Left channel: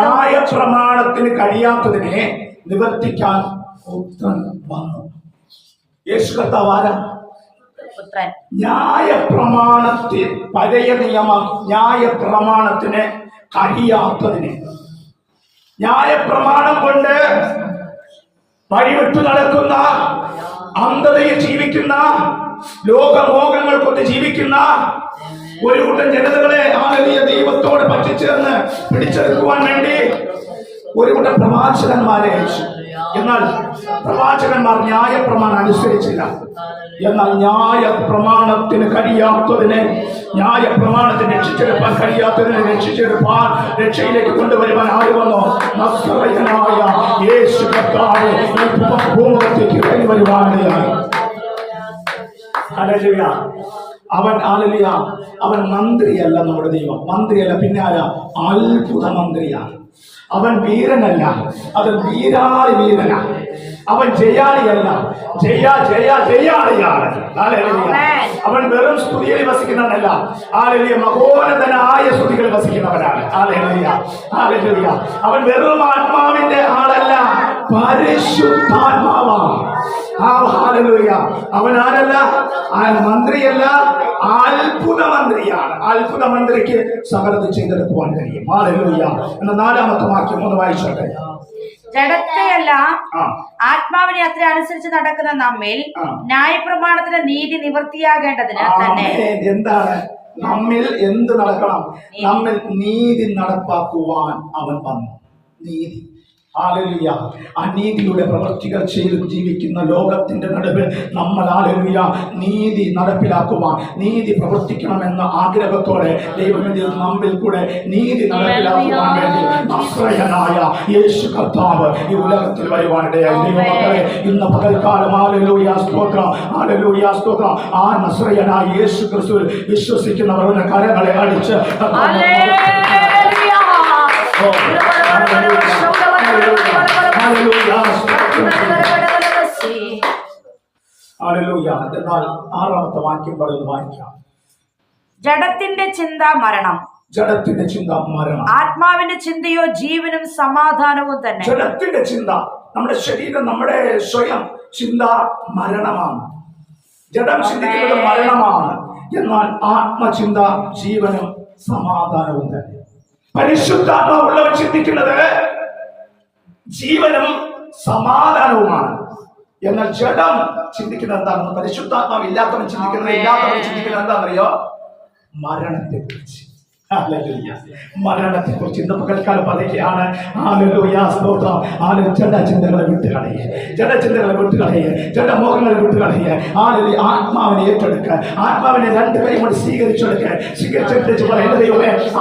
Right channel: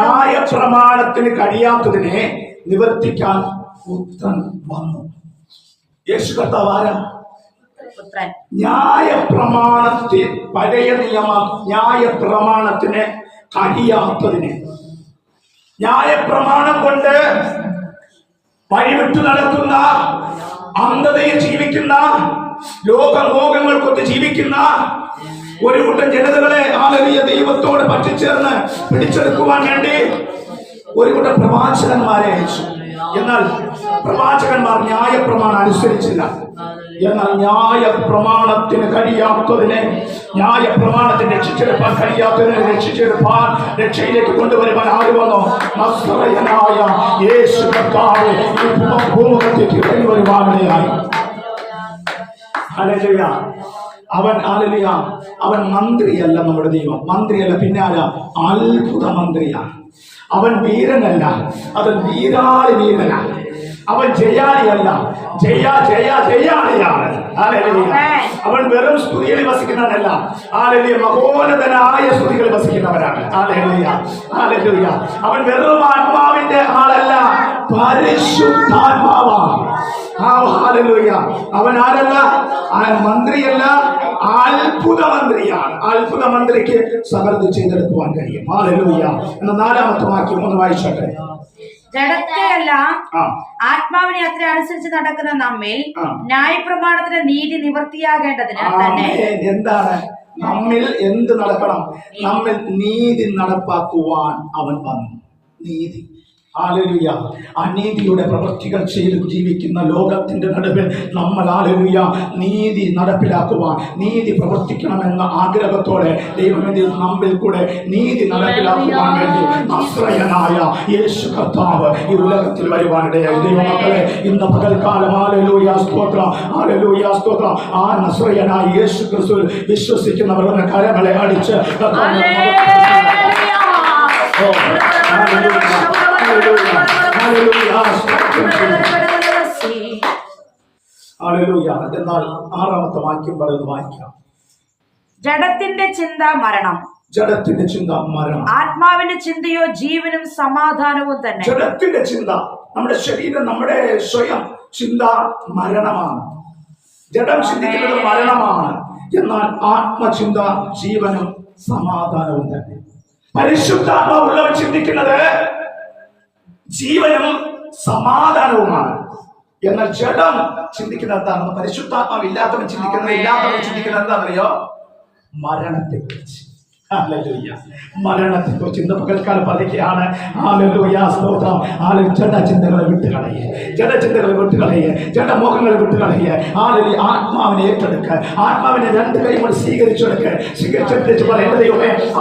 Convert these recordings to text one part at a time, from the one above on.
ന്യായ പ്രമാണത്തിന് കഴിയാത്തതിനെ നിവർത്തിക്കാൻ പുത്രൻ വന്നു. യേശു കർത്താവ് ആരാ? പുത്രൻ. ന്യായ പ്രമാണത്തിൽ പഴയ നിയമം ന്യായ പ്രമാണത്തിന് കഴിയാത്തതിന്. ന്യായ പ്രമാണം കൊണ്ട് വഴിവിട്ടു നടക്കുന്ന അന്ധതയിൽ ജീവിക്കുന്ന ലോകമോഹങ്ങൾ കൊണ്ട് ജീവിക്കുന്ന ഒരു കൂട്ടം ജനതകളെ ആദരീയ ദൈവത്തോട് പറ്റിച്ചേർന്ന് പിടിച്ചെടുക്കുവാൻ വേണ്ടി ഒരു കൂട്ടം പ്രവാചകന്മാരെ അയച്ചു. എന്നാൽ പ്രവാചകന്മാർ ന്യായപ്രമാണം അനുസരിച്ചില്ല. എന്നാൽ ന്യായ പ്രമാണത്തിന് കഴിയാത്തതിനെ ന്യായ പ്രമാണത്തിന് രക്ഷിച്ചെടുപ്പാൻ കഴിയാത്തതിനെ രക്ഷിച്ചെടുപ്പാൻ രക്ഷയിലേക്ക് കൊണ്ടുവരുവാൻ ആര് വന്നോ? നസ്രയനായ യേശു കർത്താവ്. അവൻ ആലലിയ. അവൻ മന്ത്രിയല്ല നമ്മുടെ ദൈവം. മന്ത്രിയല്ല പിന്നെ അത്ഭുത മന്ത്രിയാണ് അവൻ വീരനല്ല. അത് വീരാളി വീരനാ അവൻ ജയാളിയല്ല. ജയ ജയ ജയാളിയാണ്. അവൻ വെറും സ്തുതികളിൽ വസിക്കുന്നവനല്ല. ആലലിയ മഹോന്നതനായ സ്തുതികളിൽ വസിക്കുന്നവനാണ്. ആലലിയ ആലലിയ അവൻ വെറും ആത്മാവിന്റെ ആളല്ല പരിശുദ്ധാത്മാവാണ്. അവൻ ആരല്ല? മന്ത്രിയല്ല. അത്ഭുത മന്ത്രിയാണ് അത്ഭുത മന്ത്രിക്ക് സകലത് ചെയ്തെടുക്കുവാൻ കഴിയും. എന്ന നാലാമത്തെ വാക്യം ഒന്ന് വായിച്ചോട്ടെ. ജഡത്തെയല്ല ആത്മാവിനെ അത്ര അനുസരിച്ച് നടക്കുന്ന നമ്മിൽ ന്യായപ്രമാണത്തിന്റെ ന്യായപ്രമാണത്തിന് നീതി നിവൃത്തിയാകേണ്ടതിന് തന്നെ. എന്താണ്? നമ്മിൽ എന്ത് നടക്കണം? നമ്മിൽ നീതി നടപ്പാക്കുവാൻ അവൻ വന്നു. നീതി. ആലലുയ അനീതിയുടെ പ്രവൃത്തികൾ ചെയ്ത് ജീവിക്കുന്ന ലോകത്തിന്റെ നടുവിൽ നമ്മൾ ആലലുയ നീതി നടപ്പിലാക്കുവാൻ നീതി പ്രവർത്തിക്കണമെന്ന ആഗ്രഹത്തോടെ ദൈവമെങ്കിൽ നമ്മിൽ കൂടെ നീതി നടപ്പിലാക്കുവാൻ വേണ്ടി ആശ്രയനായ യേശു കർത്താവ് ഈ ഉലകത്തിൽ വരുവാനിടയായി. ദൈവമക്കളെ ഇന്ന് പകൽക്കാലം ആലലൂയ സ്തോത്രം ആലലൂയ സ്തോത്രം. ആ നസ്രയനായ യേശു ക്രിസ്തുവിൽ വിശ്വസിക്കുന്നവർ ഒന്ന് കരങ്ങളെ അടിച്ച് എന്നാൽ ആറാമത്തെ വാക്യം പറയുന്നത് വായിക്കാം. ജഡത്തിന്റെ ചിന്ത മരണം. ജഡത്തിന്റെ ചിന്ത മരണം. ആത്മാവിന്റെ ചിന്തയോ ജീവനും സമാധാനവും തന്നെ. ജഡത്തിന്റെ ചിന്ത നമ്മുടെ ശരീരം നമ്മുടെ സ്വയം ചിന്ത മരണമാണ്. ജഡം ചിന്തിക്കുന്നത് മരണമാണ്. എന്നാൽ ആത്മചിന്ത ജീവനും സമാധാനവും തന്നെ. പരിശുദ്ധാത്മാവുള്ളവൻ ചിന്തിക്കുന്നത് ജീവനും സമാധാനവുമാണ്. എന്നാൽ ജഡം ചിന്തിക്കുന്നത് എന്താണെന്ന് പരിശുദ്ധാത്മാവ് ഇല്ലാത്തവൻ ചിന്തിക്കുന്നത് ഇല്ലാത്തവൻ ചിന്തിക്കുന്നത് എന്താണെന്നറിയോ? മരണത്തെ കുറിച്ച് മരണത്തെ കുറിച്ച് ഇന്ന് പകൽക്കാലം പറയുകയാണ് സ്തോത്രം സ്തോത്രം. ചെണ്ട ചിന്തകളെ വിട്ടുകളയെ. ജഡചിന്തകളെ വിട്ടുകളയെ. ജഡമോഹങ്ങളെ വിട്ടുകളയെ. ആളിൽ ആത്മാവിനെ ഏറ്റെടുക്ക. ആത്മാവിനെ രണ്ട് കൈ കൊണ്ട് സ്വീകരിച്ചെടുക്ക. സ്വീകരിച്ചെടുത്ത് പറയേണ്ട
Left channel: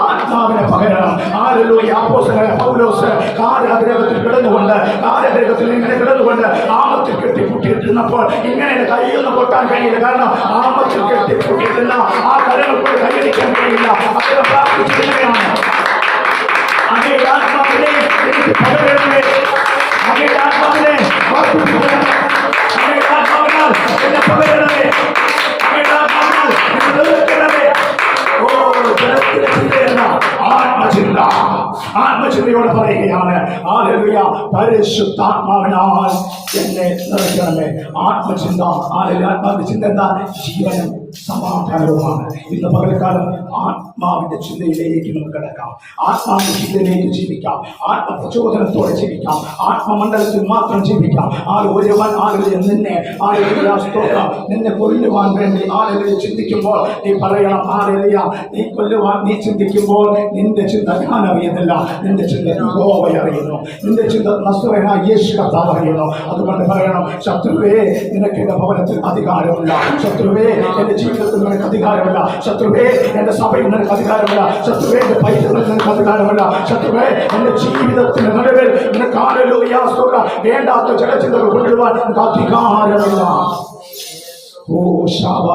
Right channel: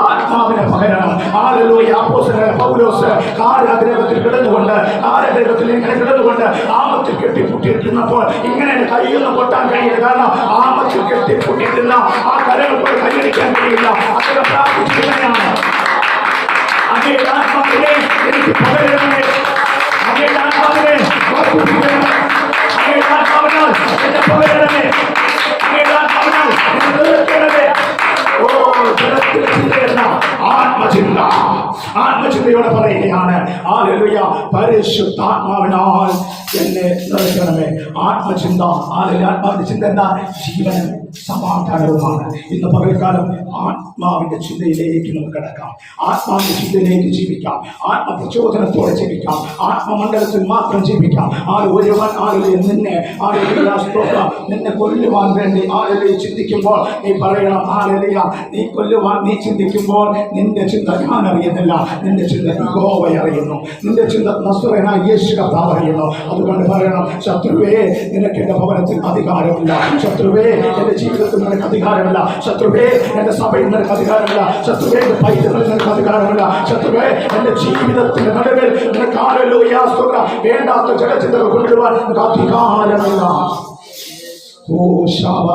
ആത്മാവിനെ പകരണം. ആലലൂയ അപ്പോസ്തലനായ പൗലോസ് കാരാഗ്രഹത്തിൽ കിടന്നുകൊണ്ട് കാരാഗ്രഹത്തിൽ ഇങ്ങനെ കിടന്നുകൊണ്ട് ആമത്തിൽ കെട്ടിപ്പൂട്ടിയിട്ടിരുന്നപ്പോൾ ഇങ്ങനെ കൈയൊന്നും പൊട്ടാൻ കഴിയില്ല. കാരണം ആമത്തിൽ കെട്ടിപ്പൂട്ടിയിരുന്ന ആ കരങ്ങൾ കൈയടിക്കാൻ കഴിയില്ല. അദ്ദേഹം പ്രാർത്ഥിച്ചിരിക്കുകയാണ് അങ്ങയുടെ ആത്മാവിനെ എനിക്ക് പകരണമേ അങ്ങയുടെ ആത്മാവിനെ വർദ്ധിപ്പിക്കണമേ അങ്ങയുടെ ആത്മാവിനാൽ എന്നെ പകരണമേ അങ്ങയുടെ ആത്മാവിനാൽ എന്നെ നിലനിർത്തണമേ ഓ ജനത്തിലെ ചിന്തയല്ല ആത്മചിന്ത ആത്മചിന്തയോടെ പറയുകയാണ് ആലലുയ പരിശുദ്ധാത്മാവിനാൽ എന്നെ നിറയ്ക്കണമേ ആത്മചിന്ത ആലലി ആത്മാവിന്റെ ചിന്ത എന്താ ജീവനും സമാധാനവുമാണ്. ഇന്ന് പകൽക്കാലം ആത്മാവിന്റെ ചിന്തയിലേക്ക് നമുക്ക് കിടക്കാം. ആത്മാവിന്റെ ചിന്തയിലേക്ക് ജീവിക്കാം. ആത്മപ്രചോദനത്തോടെ ജീവിക്കാം. ആത്മമണ്ഡലത്തിൽ മാത്രം ജീവിക്കാം. ആര് ഒരുവൻ ആളുകളിൽ നിന്നെ സ്തോത്രം. നിന്നെ കൊല്ലുവാൻ വേണ്ടി ആളുകളിൽ ചിന്തിക്കുമ്പോൾ നീ പറയണം ആരെയ നീ കൊല്ലുവാൻ നീ ചിന്തിക്കുമ്പോൾ നിന്റെ ചിന്ത ഞാൻ അറിയുന്നില്ല നിന്റെ ചിന്ത ഗോവ അറിയുന്നു. നിന്റെ ചിന്ത നസ്രനായ യേശു കർത്താവ് അറിയുന്നു. അതുകൊണ്ട് പറയണം ശത്രുവേ നിനക്ക് എന്റെ ഭവനത്തിൽ അധികാരമില്ല ശത്രുവേ എന്റെ ജീവിതത്തിൽ നിനക്ക് അധികാരമില്ല. ശത്രുവേ എന്റെ സഭയിൽ നിനക്ക് അധികാരമില്ല. ശത്രുവേ എന്റെ പൈതങ്ങളിൽ നിനക്ക് അധികാരമില്ല. ശത്രുവേ എന്റെ ജീവിതത്തിന്റെ നടുവിൽ നിനക്ക് ആരല്ലോ വേണ്ടാത്ത ജലചിന്തകൾ കൊണ്ടുവരുവാൻ നിനക്ക് അധികാരമില്ല. ഓ ശാബ.